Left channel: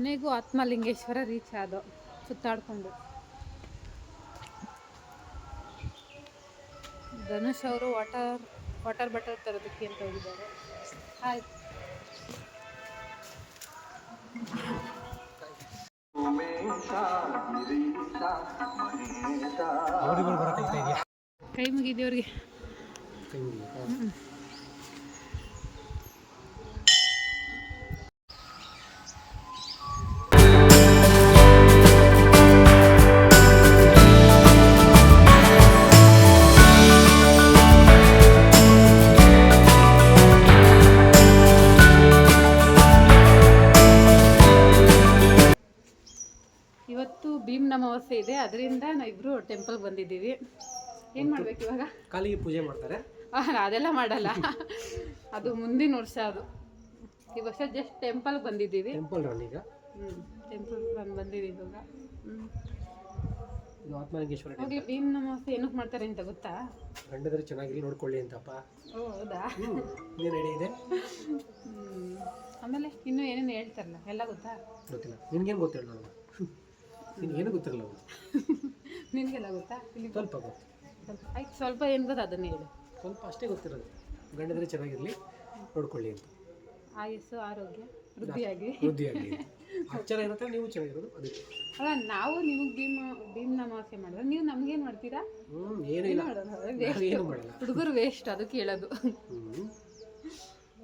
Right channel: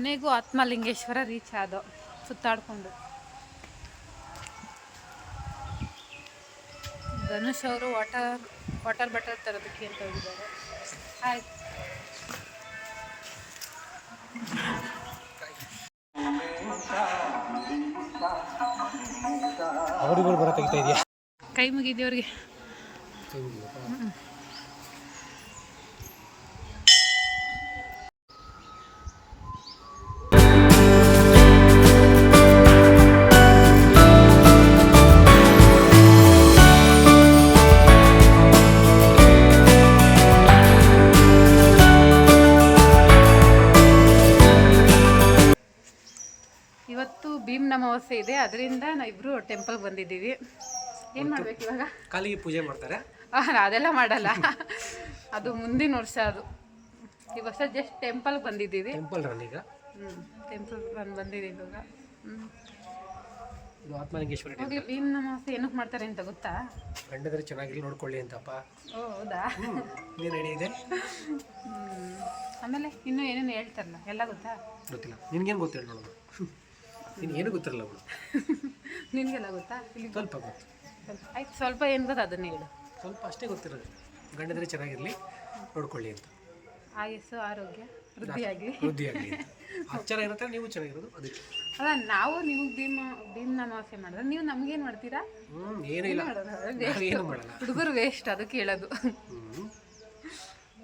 ಕೊನೆಗೂ ಆತ್ಮಲಿಂಗೇಶ್ವರ ರೀಚ್ ಆದ ಸುತ್ತಾಡ್ಕೊಂಡು. ಧನುಷ್ ಅವರು ವಾಟರ್ ವಾಟರ್ ಬಟರ್ ತರೋದಕ್ಕೆ ಅಂತ ಹೋಗಿದ್ದಾರೆ. ಕೈ ಅವ್ರಿಗೆ? ಕೈ ಮುಗಿದೇವ್ರಿಗೆ ಇವತ್ತು ಭೀಮ್ ಅಮಾವಾಸ್ಯೆ ಇದೆ ಅದರಿಂದ ನಾವಿಬ್ರು ಟೆಂಪಲ್ ಬಂದಿದ್ದೀವಿ. ಏನು ಮಾಡ್ಬೇಕು ಇವಾಗ? ಕಾಲಿಗೆ ಪೂಜೆ ಮಾಡ್ತಾರೆ? ಅದೆಲ್ಲ ಮಾಡಲ್ಲ. ಅದು ಮುಂದಿನ ವರ್ಷ ಅದು. ಈ ವರ್ಷ ಜಸ್ಟ್ ಟೆಂಪಲ್ ಬಂದಿದ್ದೀವಿ. ಟೆಂಪಲ್ ರನ್ ಈಗ? ಹ್ಞೂ ಟೆಂಪಲ್ ರನ್ ಬಂದಿದ್ದೀವಿ ಇವಾಗ. ಹ್ಞೂ ಇದು ಆತ್ಮಲಿಂಗೇಶ್ವರ ಟೆಂಪಲ್ ಹೋಗ್ಲಿ ಭೀಮ್ ಅಮಾವಾಸ್ಯೆ ಏನಕ್ಕೆ ಮಾಡ್ತಾರೆ ಅಂತ ಗೊತ್ತಾ? ಗಂಡದ್ರೆ ಚೆನ್ನಾಗಿಲ್ಲ ನೋಡ್ಕೊಳ್ಳಿ ಅಂತಪ್ಪ. ಓ ಹೌದಾ? ಹ್ಞೂ ನೀನು ರೆಡಿ ಇದೆ. ಆಮೇಲೆ ಇನ್ನೂ ಏನೇನು ಹೇಳ್ತಾರಲ್ಲ ಎಲ್ಲ ಗೊತ್ತಾ? ಗೊತ್ತಿಲ್ಲ. ನಿನ್ಗೇನು ಗೊತ್ತಿಲ್ಲ ನೋಡೋಣ ನಿನ್ಗೆ ಏನು ಗೊತ್ತಿರಲ್ಲ ಅವಳು? ನಿನಗೆಲ್ಲ ಗೊತ್ತಾ? ಇಲ್ಲಿ ಸ್ವಲ್ಪ ಗೊತ್ತು. ಆಯ್ತು ಸ್ವಲ್ಪ ಏನು ಗೊತ್ತಾ ಅದನ್ನೇ ಹೇಳು. ಸ್ವಲ್ಪ ಅಷ್ಟೇ ಗೊತ್ತಿರೋದು. ಗಂಡದ್ರೆ ಚೆನ್ನಾಗಿರಲಿ ನೋಡ್ಕೊಳ್ಳಿ ಅಂತ. ಆಯಸ್ಸು ಆರೋಗ್ಯ ವೃದ್ಧಿಯಾಗಲಿ ವೃದ್ಧಿ ಆಗಲಿ ಹಚ್ಚರ ಇರುತ್ತೆ ನೀವು ಚೆನ್ನಾಗಿರೋದು ಅದಕ್ಕೆ. ಅಲ್ಲ ನಾವು ನಿಮಗೆ ಭೀಮ ಭೀಮ್ ಅಮಾವಾಸ್ಯೆ ಮಾಡಿದ್ರೆ ನೀವು ನಮ್ಗೇನು ಮಾಡ್ತೀರಾ? ಹ್ಞೂ ಏನೂ ಇಲ್ಲ. ನಾವು ಏನು ಮಾಡಲ್ಲ. ಹುಡುಗರು ವೇಸ್ಟ್ ಅದಕ್ಕೆ ಹೇಳೋದು. ಹ್ಞೂ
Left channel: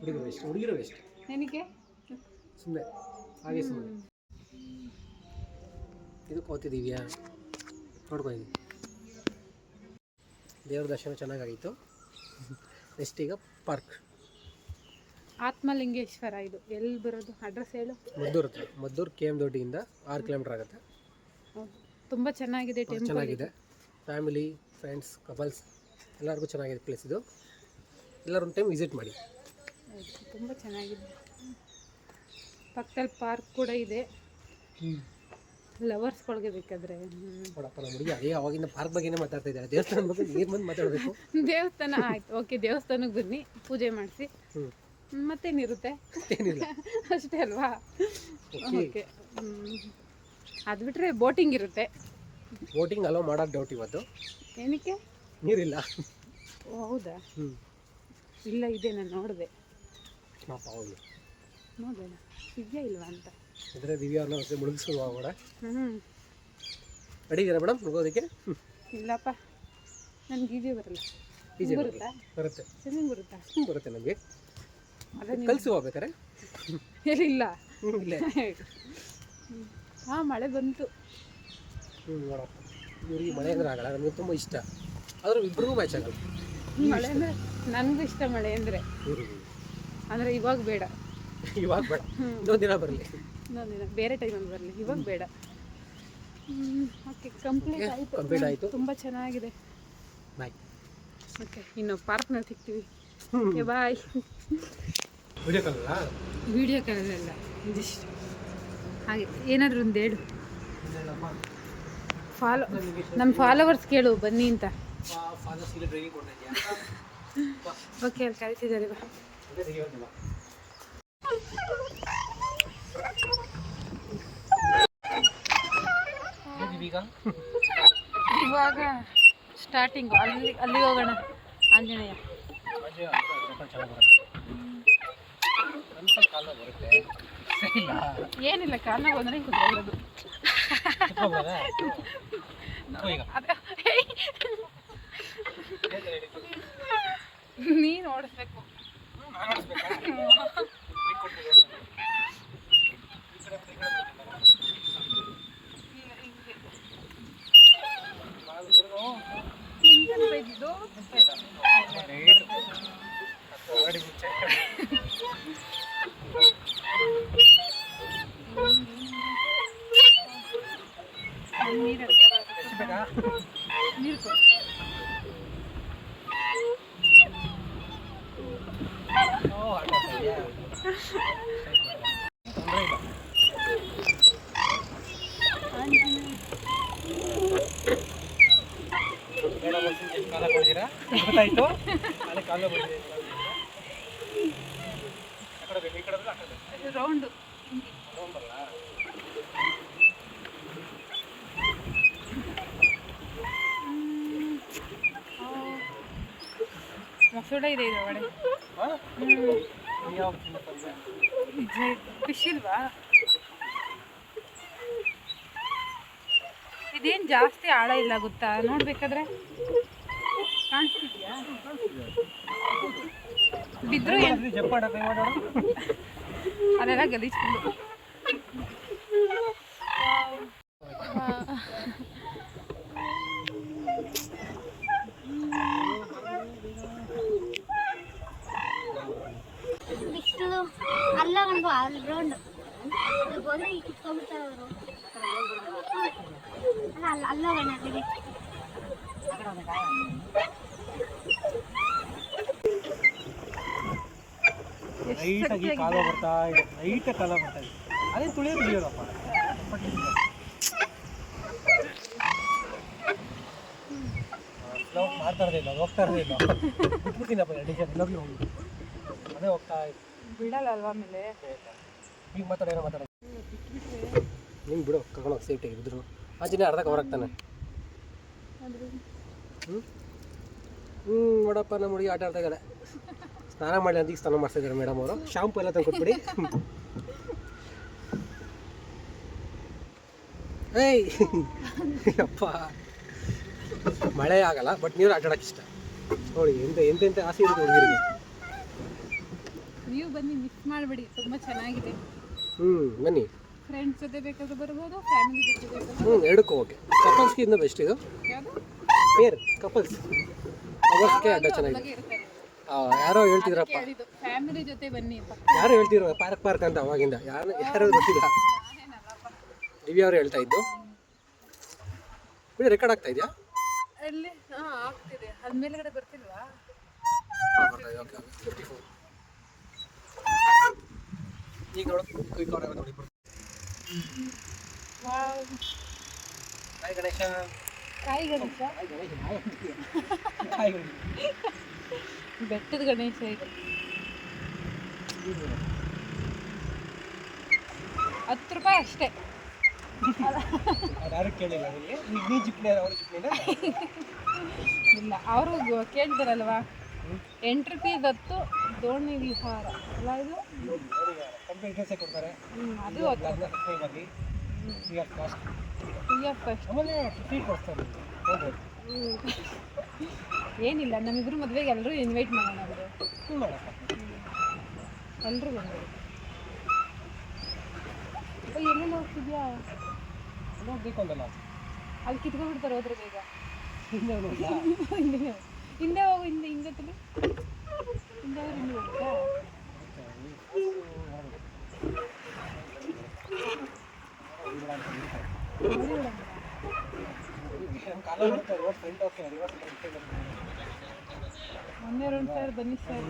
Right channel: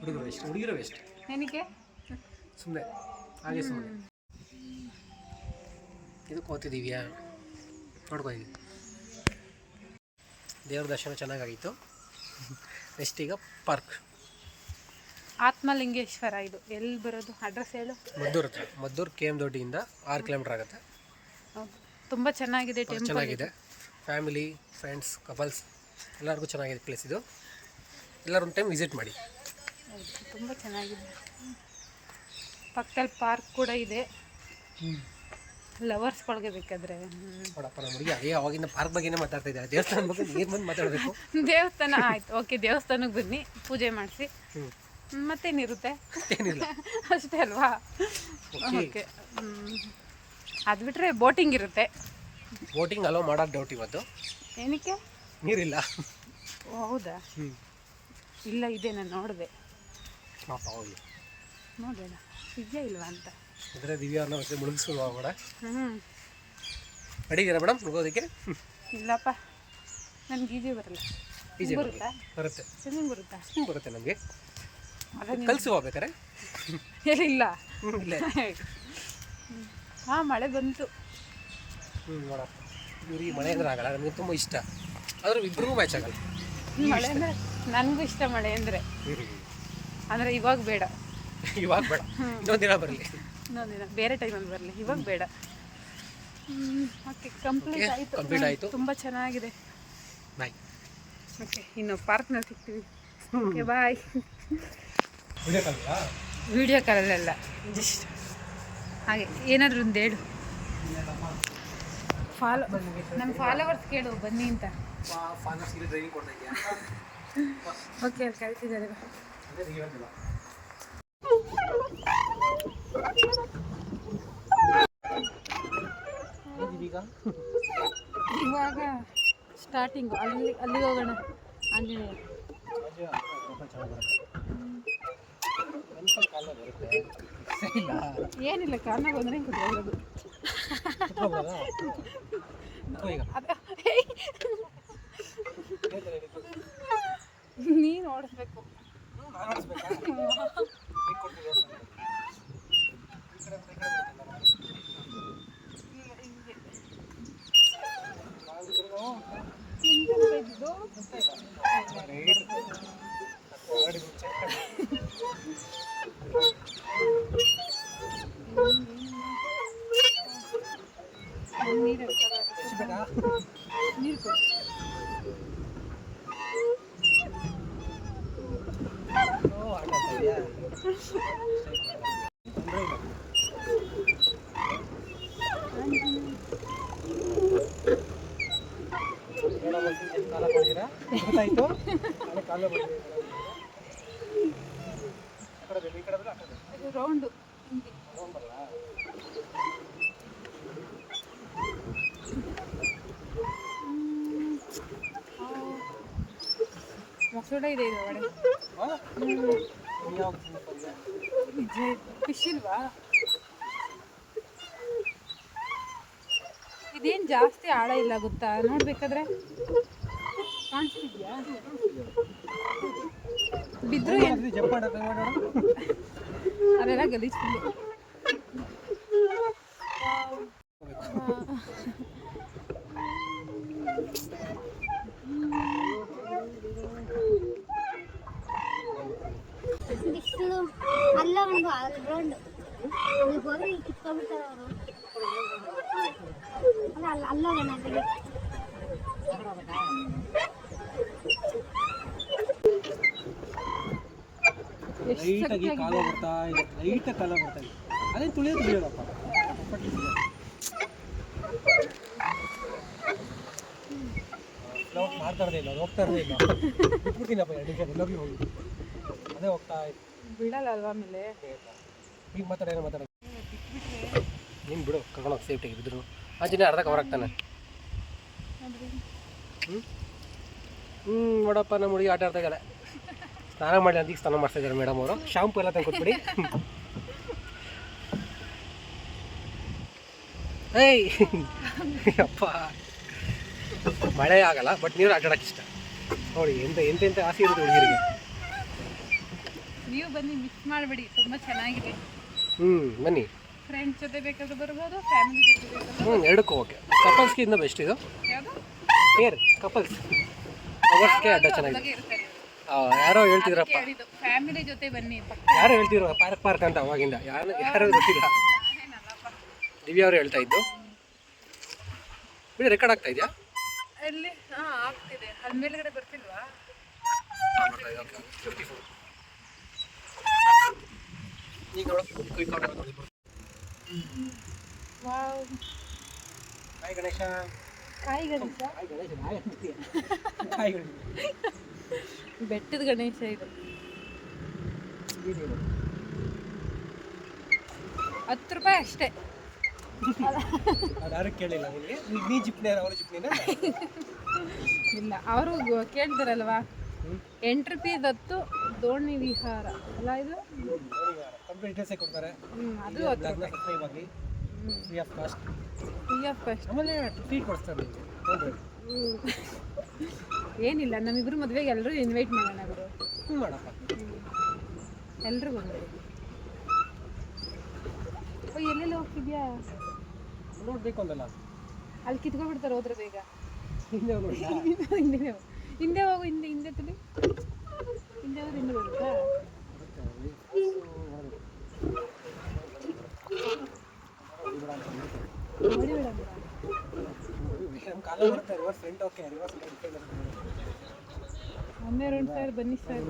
ಹುಡುಗರು ವೇಸ್ಟ್ ಹುಡುಗಿರು ವೇಸ್ಟ್ ಏನಕ್ಕೆ? ಸುಮ್ಮನೆ ಹಾಗೆ ಸುಮ್ಮನೆ ಇದಕ್ಕೆ ಓದ್ತಿದ್ದೀವ್ಯಾ ನೋಡ್ಕೊ ಈಗ ದೇವ್ರ ದರ್ಶನ ಚೆನ್ನಾಗಾಗಿತ್ತು. ನೆಕ್ಸ್ಟ್ ಈಗ ಪಾರ್ಕ್ ಆತ್ಮಲಿಂಗೇಶ್ವರ ಇದು. ಎಲ್ಲಿ ಬರೋದು? ಅಡ್ರೆಸ್ ಹೇಳು. ಮದ್ದೂರ್ ಹತ್ರ. ಮದ್ದೂರ್ ಕೆ ಎಂ ದೊಡ್ಡಿಯಿಂದ ಆರು ಕಿಲೋಮೀಟರ್ ಆಗುತ್ತೆ. ತುಂಬ ಚೆನ್ನಾಗಿದೆ ಟೆಂಪಲ್ ಚೆನ್ನಾಗಿದೆ. ಫ್ಯಾಮಿಲಿ ಫ್ರೆಂಡ್ಸ್ ಕಪಲ್ಸ್ ಎಲ್ಲರಿಗೂ ಚೆನ್ನಾಗಿದೆ ಪ್ಲೇಸ್ ಇದು. ಎಲ್ಲರೂ ಒಂದು ಟೈಮ್ ವಿಸಿಟ್ ಮಾಡಿ. ತುಂಬ ಚೆನ್ನಾಗಿದೆ. ಪಕ್ಕದಲ್ಲಿ ಪಾರ್ಕ್ ಕೂಡ ಇದೆ. ಲವರ್ಸ್ಗಳಿಗೆ ಬೇಕಾದ್ರೆ. ನೋಡಪ್ಪ ನಮ್ಮ ಹುಡುಗಿ ಅದೇ ಅವಾಗಿಂದ ಪಾರ್ಕ್ ಬಗ್ಗೆನೇ ಮಾತಾಡ್ತಾ ಇದ್ದಾರೆ ದೇವಸ್ಥಾನ ಬಗ್ಗೆ ನೀರು ಬಂದು ಮಾತಾಡಬೇಕು. ದೇವಸ್ಥಾನ ಆಯ್ತು. ಓಕೆ ದೇವಸ್ಥಾನಕ್ಕೆ ಬನ್ನಿ. ಪೂಜೆ ಮಾಡಿಸಿ. ಮತ್ತೇನಿರುತ್ತೆ? ಏನಿಲ್ಲ ಅಷ್ಟೇ ಅಲ್ವಾ? ಓಕೆ. ಅದು ಬಿಟ್ಟರೆ ಬೋಟಿಂಗ್ ಇರುತ್ತೆ. ಬೋಟಿಂಗ್ ಅಲೋ ಮಾಡೋದು ಡೌಟ್ ಇವತ್ತು. ಏನಕ್ಕೆ? ನೀರಿಲ್ಲ. ಓ ಹೌದಾ? ಹ್ಞೂ ಇಲ್ಲ ಇದೆ ನಾನು ನೋಡಿದೆ. ಪಾಪ ನೋಡೋಣ ಇದೆಯಾ ಇಲ್ವಾ ಅಂತ? ಅಂದರೆ ದಿವ್ಯಾ ಅವ್ರನ್ನ ಮತ್ತೆ ಮುಳುಗಿಸ್ಕೊಂಡು ಹೋಗೋಣ ಹ್ಞೂ ಅಡಿದ್ದೀರಾ ಮೇಡಮ್ ಮುಳುಗೋದಕ್ಕೆ? ಇಲ್ಲಪ್ಪ. ನನಗೆ ಈಜಿ ಬರಲ್ಲ. ಈಜಿ ಬರುತ್ತಾ? ಬರುತ್ತೆ. ಸ್ವಿಮ್ಮಿಂಗ್ ಬರುತ್ತಾ? ಹ್ಞೂ ಬರುತ್ತೆ ನಮಗೆ. ಅದನ್ನ ಕಲಿಸಿ ಹೋಗ್ಬೇಕಾರೆ? ಇಲ್ಲ. ಇಲ್ಲೇ. ಹಾಂ ಮಳೆ ಬಂತು. ಹ್ಞೂ ನೋಡಪ್ಪ. ಇವ್ರಿಗೆ ಮಳೆ ಅಂದ್ರೆ ಆಗಲ್ಲ ನನಗೆ ತುಂಬ ಇಷ್ಟ. ಆದರೂ ಇಬ್ಬರಿಗೂ ಮ್ಯಾಚ್ ಆಗಲ್ಲ. ಮಳೆ ಅಂದರೆ ನನಗೂ ಇಷ್ಟ ಮಳೆ ಅಂದರೆ. ಅಂದರೆ ಇವಾಗ ಬೇಡ. ಇವಾಗ ಬೇಡ. ಇನ್ನೊಂದು ದಿನ. ಬೇರೆ ಟೈಮಲ್ಲಿ ಬರಲಿ. ಇವಾಗ ಬೇಡ. ಓಕೆ ಕಂಪ್ಲೀಟ್ ಆಯಿತು. ಕಂಪ್ಲೀಟ್ ಆಯಿತು. ತುಂಬ ಚೆನ್ನಾಗಿದೆ. ಬಾಯ್ ಓಕೆ ಇನ್ನು ಪಾರ್ಕ್ನಲ್ಲಿ ಸಿಗ್ತೀವಿ. ಓಕೆ ಬಾಯ್ ಉಳಿಯೋಕ್ಕಲ್ಲ ವಿಡಿಯೋ ಕಾಲಲ್ಲ ಜಸ್ಟ್ ಹಾಗೆ ಏನಾದರೂ ಒಂದು ಹೇಳು. ಫಾಲೋ ನಮ್ಮ ಫಾಲೋವರ್ಸ್ ಕೇಳು ಬನ್ನಿ ಅಂತ. ಓಕೆ ಅಲ್ಲಿ ಕರಿತಿದ್ದಾರೆ ಇವಾಗ ಸ್ಟಾರ್ಟಿಂಗ್ ಅಲ್ಲಿ ಅಲ್ಲಿ ಹೋಗೋಣ ಆಂಜನೇಯ. ಏನಿಲ್ಲ ಕಾರಣ ಬಂದರೆ ಕುತ್ಕೊಳ್ಳೋದು. ನೀನು ಓಡಿಸ್ಬೇಕು. ಹೆಂಗಂತ ರೌಂಡು ಹಿಂಗೆ ಇದೆ ಇದೆ ಒಡೆ ನಿಜ ಫಿಶ್ ಇಲ್ವಾ? ಇದೇನು ಜಾಸ್ತಿ ಆಳ ಇಲ್ಲ ಗೊತ್ತಾ? ನೋಡ್ಬೇಕಾದ್ರೆ. ಕಾಣಿಸ್ತಿದ್ಯಾ? ಬಿದ್ರು ಏನ್ ಜಂಪ್ ಮಾಡೋಣ ಮಾಡೋಣ ಅದೆಲ್ಲ ಗಲೀಜ್ ಫುಲ್ಲು ಇಷ್ಟು ಅಲ್ಲ ಗಂಡು ಅಲ್ಲಿ ಗಂಡು ಅಲ್ಲಿ ಬಂದ್ರೆ ಈ ಕಿತ್ಕೊಂಡ್ಬಿಡ್ತಾರೆ ಅವರು ಅಲ್ಲ ಅಲ್ಲ ಗಂಡು ಅಲ್ಲಿಗೆ ಲೈಟಾಗಿ ಕಾಲ ಬರ್ತಾ ಇದೆ. ಲೈಟಾಗಿ ಕಾಲ ಬರ್ತಾ ಇದೆ. ಅದೇ ತುಳಿಯೋದು ತುಳಿಯೋದಪ್ಪ ಮಾಡ್ತಾ ಇರೋದೇ ಇಲ್ಲ ಅದು ಹೋಗ್ತಾ ಇರೋದೇ ಇಲ್ಲ. ಬಿಟ್ಬಿಡ್ತೀನಪ್ಪ ಎರಡು ನಿಮಿಷ ಎಲ್ಲೋಗ್ಲಿ ಹೋಗಿ. ಅದೇ ಹೋಗ್ತಾ ಇದೆ. ಬಿಡಲ್ಲ ಅಲ್ವಾ ಆಮೇಲೆ? ಈಗ ಮಾತಾಡ ಏನೋ ಮಾತಾಡ. ನೀನು ಬಿಡು ಕರ್ಕೊಂಡೋಗಿ ಸೇಫ್ಟಿಗೆ ಬಿದ್ರು. ಆಚೆನೇ ಅರ್ಧ ಕವರ್ ಆಗ್ತಾನೆ. ಹ್ಞೂ ಹ್ಞೂ ನೋಡಪ್ಪ ನಮ್ಮ ಹುಡುಗಿ ಆಟ ಆಡ್ತಾ ಇದ್ದಾಳೆ. ಸ್ನಾನ ಮಾಡಿ ಅದಕ್ಕೆ ಸ್ನಾನ ಮಾಡ್ತಾ ಇದ್ದಾರೆ ಮೇಡಮ್ ಅವರು. ಶಾಂಪು ಎಲ್ಲ ತಂದು ಕೊಟ್ಬಿಡಿ. ಏಯ್! ಅಪ್ಪ ಮಳೆ ಆಗಲ್ಲ ಬಟ್ ನೀರು ಆಟಾಡಕ್ಕೆ ಇಷ್ಟ. ನೋಡಿ ಎಂತ ಎಂತೆಂತ ಆಸೆ ಇರುತ್ತೆ ಹುಡುಗಿರಿಗೆ. ನೀವು ಬನ್ನಿ ಮಿಸ್ ಮಾಡಬೇಡಿ. ತುಂಬ ಚೆನ್ನಾಗಿದೆ. ಹ್ಞೂ ಬನ್ನಿ. ಫ್ರೆಂಡ್ಸ್ ಜೊತೆ ಬೇಕಾದ್ರೂ ಬರ್ಬೋದು ಫ್ಯಾಮಿಲಿ ಜೊತೆ ಬೇಕಾದ್ರೂ ಹ್ಞೂ ಎರಡಕ್ಕೂ ಓಕೆ ಕಪಲ್ಸ್ಗೆ ಇನ್ನೂ ಬೆಸ್ಟ್ ಇದು. ಯಾವುದು? ಪೇರ್ ಕಪಲ್ಸ್ ಅವರ್ಸ್ಗೆ ಅಡ್ಡ ಚೆನ್ನಾಗಿದೆ. ಯಾರೋ ಹೇಳ್ತಿದ್ರಪ್ಪ. ಫ್ಯಾಮಿಲಿ ಜೊತೆ ಬನ್ನಿ ಯಾರು ಹೇಳ್ತಿದ್ರು? ಪಾರ್ಕ್ ಪಾರ್ಕ್ ಅಂತ ಅವಾಗಿಂದ. ಯಾರು ಯಾರು ಗೊತ್ತಿಲ್ಲ. ದಿವ್ಯ ಅವರು ಹೇಳ್ತಾ ಇದ್ದು. ಬಿಡಿ ರೆಕಾರ್ಡ್ ಆಗ್ತಾ ಇದೆಯಾ? ಅಲ್ಲಿ ಹಾಂ ಆಗ್ತಿದೆ. ಅಲ್ಲಿ ಮೇಲ್ಗಡೆ ಬರ್ತಿಲ್ವಾ? ಈಗ ನೋಡು. Hi Ganesha. Hi Ganesha. Hi Ganesha. Hi Ganesha. ಬೆಟ್ಟದ ಗಣೇಶ ಇದು? ಹತ್ತು ರೂಪಾಯಿ ಅಷ್ಟೇ. ಯಾರು ಕೇಳಿಲ್ಲ ನೀ ಜಿಪ್ನಿ ಅವರು ಜಿಪ್ನಿನ? ಇಲ್ಲ ಅವರು ಕೇಳ್ತಾರಲ್ವಾ? ಎಂಟು ರೂಪಾಯಿ ದತ್ತು ದೋಣಿ ವಿಹಾರ. ಅಲ್ಲ ಇದು? ಕಂಪ್ಲೀಟ್ ಡೀಟೇಲ್ಸೇ ಕೊಡ್ತಾರೆ. ಅದು ಆಗಿ free of cost free of cost ಆಮೇಲೆ ಫ್ರೀ ಕೊಡಿಸ್ತಾರೆ ಏನಿಲ್ಲ ನಮ್ಮಿಬ್ರು ಮದುವೆಗೆ ಎಲ್ಲರೂ ಇನ್ವೈಟ್ ಮಾಡೋಣ ಬಿಡು. ಹ್ಞೂ ಮಾಡಪ್ಪ. ಎಲ್ಲರೂ ಬಂದರು ಓ ಎಲ್ಲೆಲ್ಲ ಹೋಗ್ತಿದ್ಯಾ? ನೋಡ್ಬೇಕು ಅಂದಲ್ಲ ಅಲ್ಲಿ ಕಿತ್ಕೊಂಡ್ಬಿಡ್ತಾರೆ ಹೋದ್ರೆ ಬೇಗ ಹಿಂದೆ ಇಲ್ಲ. ಹಿಂದೆ ಹೋಗು. ಹಿಂದೆ ಹೋಗು ಹಿಂದೆ ಹಿಂದೆ ತುಳಿ ಹಿಂದೆ ಹೋದ್ರೆ ಹಿಂದೆ ಹೋಗುತ್ತಾ? ನೋಡಿ ಬಿಡಮ್ಮ ನಮ್ಮ ಕಾಲ ಬರುತ್ತೆ ರಿವರ್ಸ್ ಫ್ರಂಟ್ ಓಕೆ ರಿವರ್ಸ್ ಮೊನ್ನೆ ಎರಡು ಸಾವಿರ ಬನ್ನಿ ಸರ್.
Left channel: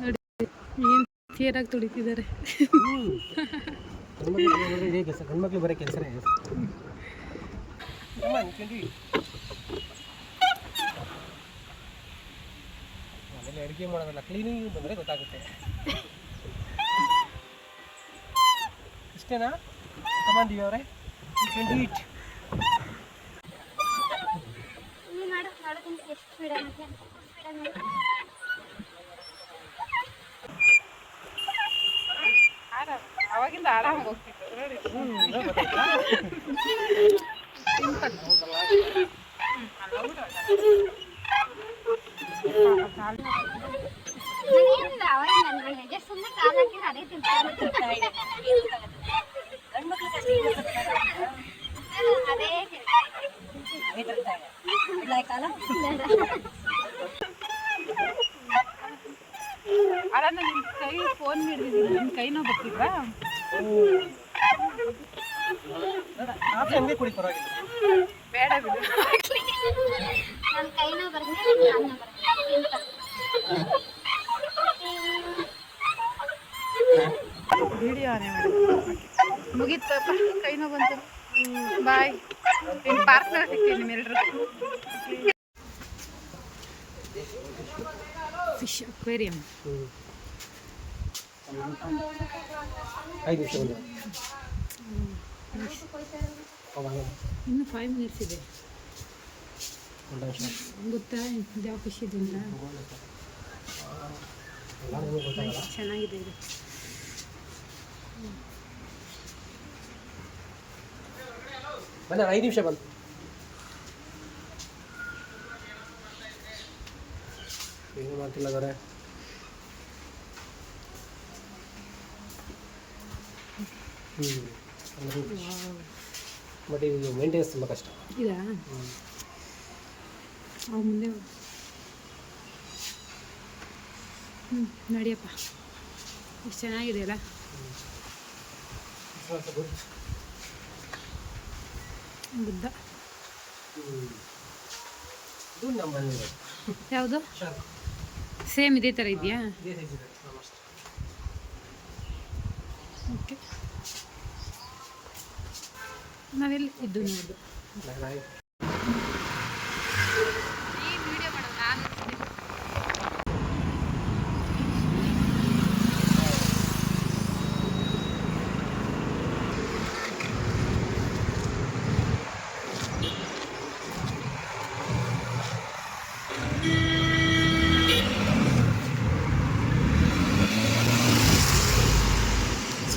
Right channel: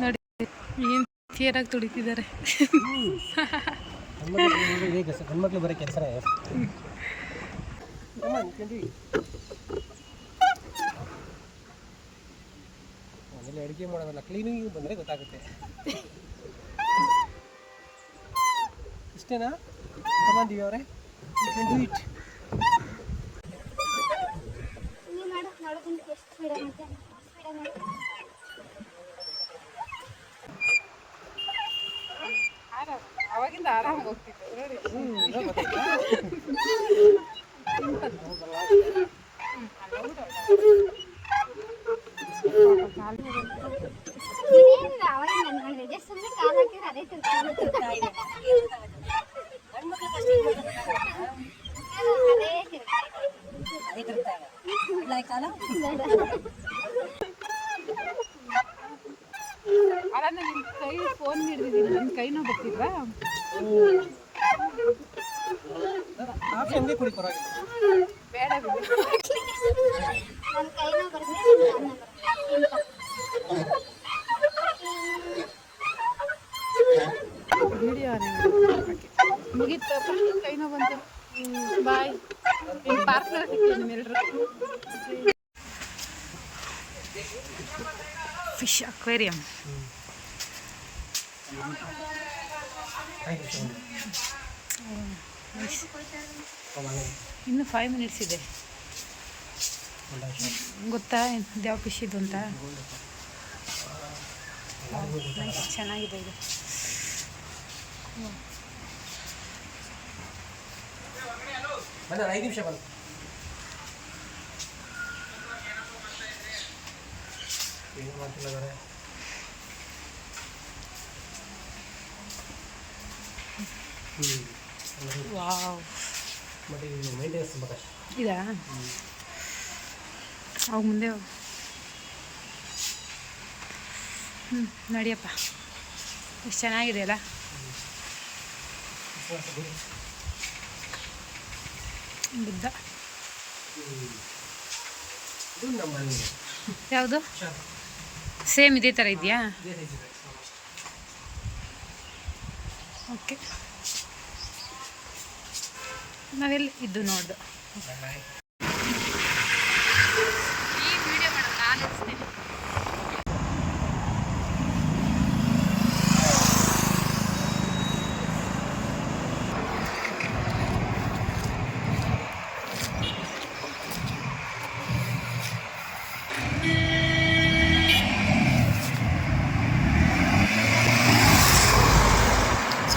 ನೋಡಿ ಏನು ಕ್ಲಿಯರಾಗಿ ತುಳಿತಿದ್ದಾರೆ ಗಂಡ್ಮಕ್ಳು ಇದೇ ಕೆಲಸ ಮನೇಲಿ ಅಡುಗೆ ಮಾಡೋದಲ್ಲ ಕ್ಲೀನಿಂಗ್ ಬಂದರೆ ಗೊತ್ತಾಗುತ್ತೆ. ಇಷ್ಟೇನಾ? ಕಮಾಂದಿವಿ ಅವರೇ ಯು ಕ್ಯಾನ್ ಡೂ ಇಟ್ ಆರಾಮ ಅವಾಗಿಂದ ಆರಾಮಾಗಿ ಹೋಗ್ತಿತ್ತು ನೋಡಿ. ನನಗೇನಿಲ್ಲ ಅವಾಗ ನನ್ನ ಮನೆ ಜಸ್ಟ್ ಸುಮ್ಮನೆ ಕಾಲು ಹಾಕಿದ್ರೆ ಅದೇ ತಿಂತಾರೆ ಅದೇ ಅಲ್ಲ ನನ್ನ ಕೈ ಫೋನ್ ಹಿಡಿದಿದ್ದೀನಿ. ನನ್ನ ಕೈ ನೋವು ಬರ್ತಿದ್ವಾ? ಕಾಫಿ ಹಂಗೆ ಕುಡಿ ಪರವಾಗಿಲ್ಲ ಬೇಡ. ಬಿಡು ನನ್ನ ಕೈನೋ ಬರ್ತೀನಿ ವಿಡಿಯೋ ಆನೆ ಮುಗೀತಪ್ಪ ಕೈ ನೋವು ಬಂತು. ಬಾಯ್. ಇನ್ನು ಪಾರ್ಕ್ನಲ್ಲಿ ಸಿಗ್ತೀನಿ ನಿಮ್ಮೆಲ್ಲರೂ ಫಿಶ್ ಅಕ್ವೇರಿಯಂ ಇನ್ನು ಫೈವ್ ಮಿನಿಟ್ಸ್ ಇದೆ. ಗೊತ್ತಾ? ಯಾವ ಫಿಶ್ ಇದು ಅಂತ ಚೆನ್ನಾಗಿದೆ ಇದು. ಐದು ನಿಮಿಷ ಬಂತು ಏನು ಮಾಡ್ತಿಲ್ಲ ಬರೇ? ಬಟ್ ಇದು ಮೇಂಟೆನೆನ್ಸ್ ತುಂಬ ಕಷ್ಟ. ಇದಾ ಅವಾಗ ಮುಂದೆ ಹ್ಞೂ ನಡಿಯಪ್ಪ. ಎಷ್ಟು ಚೆನ್ನಾಗಿದೆ ಅಲ್ಲ? ಬುದ್ಧ. ಯಾವುದು? ಸೇಮ್ ಇದೇ ಥರ ಇದೆಯಾ? ಓಕೆ. ನಾವೆಲ್ಲಿ? ಇದ್ದು ನೋಡ್ದು.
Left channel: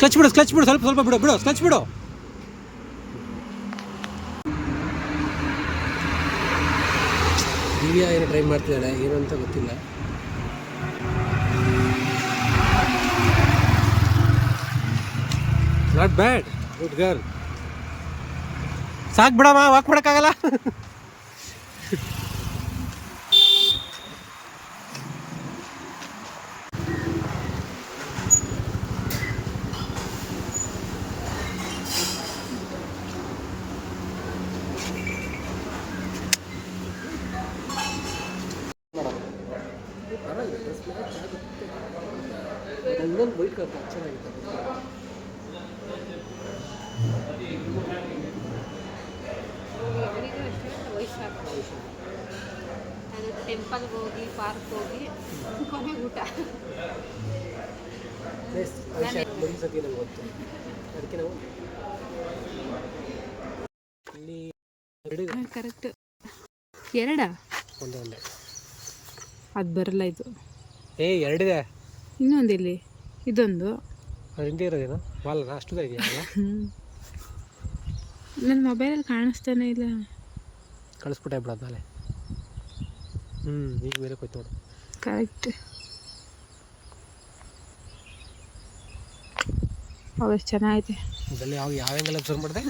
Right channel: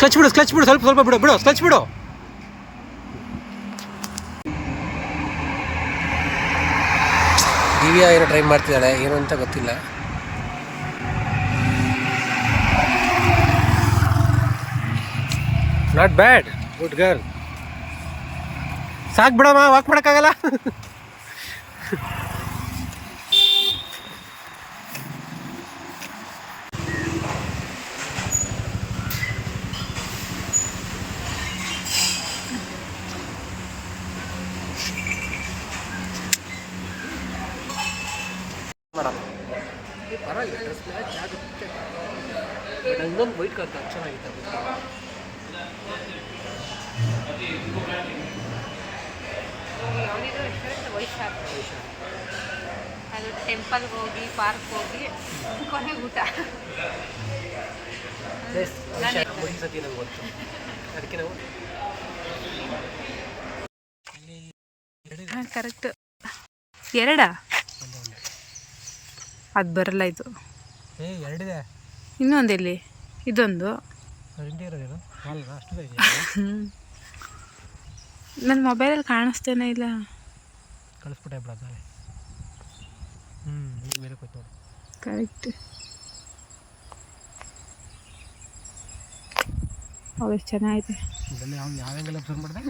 ಸ್ಕ್ಲಚ್ ಬಿಡು ಕ್ಲಚ್ ಬಿಡು ಸ್ವಲ್ಪ ಸ್ವಲ್ಪ ಬಿಡು ಬಿಡು ಕ್ಲಚ್ ಬಿಡು. ದಿವ್ಯಾ ಏನೋ ಟ್ರೈ ಮಾಡ್ತಿದ್ದಾಳೆ ಏನು ಅಂತ ಗೊತ್ತಿಲ್ಲ. ನಾಟ್ ಬ್ಯಾಡ್ ಗುಡ್ ಗರ್ಲ್ ಸಾಕು ಬಿಡಮ್ಮ ವಾಕ್ ಮಾಡೋಕ್ಕಾಗಲ್ಲ. ಇನ್ನೊಂದು ವೈಟ್ ಕಲರ್ ಚೆನ್ನಾಗಿತ್ತು ಅವನಿಗೂ ರೆಸ್ಟೋರೆಂಟ್ ವೈಶಾಖ ಅದು ಟೆಂಪಲ್ಗೆ ಹೋಗಿ ಪಾರ್ಕ್ ಹೋಗಿ ಕೊನೆಗೆ ಊಟ. ಸತಿ ಗೊತ್ತು ಅದಕ್ಕೆ ನಾವು ಕರೆಕ್ಟ್ ಎರಡಾ? ಅದು ಬರಲ್ಲ ಇದು. ಏ ಎರಡಿದೆ. ಇನ್ನೊಂದು ಎಲ್ಲಿ ಇದೊಂದು. ನನ್ನ ಮೊಬೈಲಲ್ಲಿ ಕಾಣಿಸ್ತೇನೆ ಇಲ್ಲ. ಕಳಿಸ್ಬಿಟ್ಟೆ ಬಿಡು ಅದ್ಮೇಲೆ. ಹ್ಞೂ ಈಗ ಬೇರೆ ಕೊಯ್ತು ನೋಡು. ಕರೆಕ್ಟ್ ಅವೆಷ್ಟು ಚೆನ್ನಾಗಿದೆ. ಯಾವ ಯಾವ ಮಾಡಿದೆ?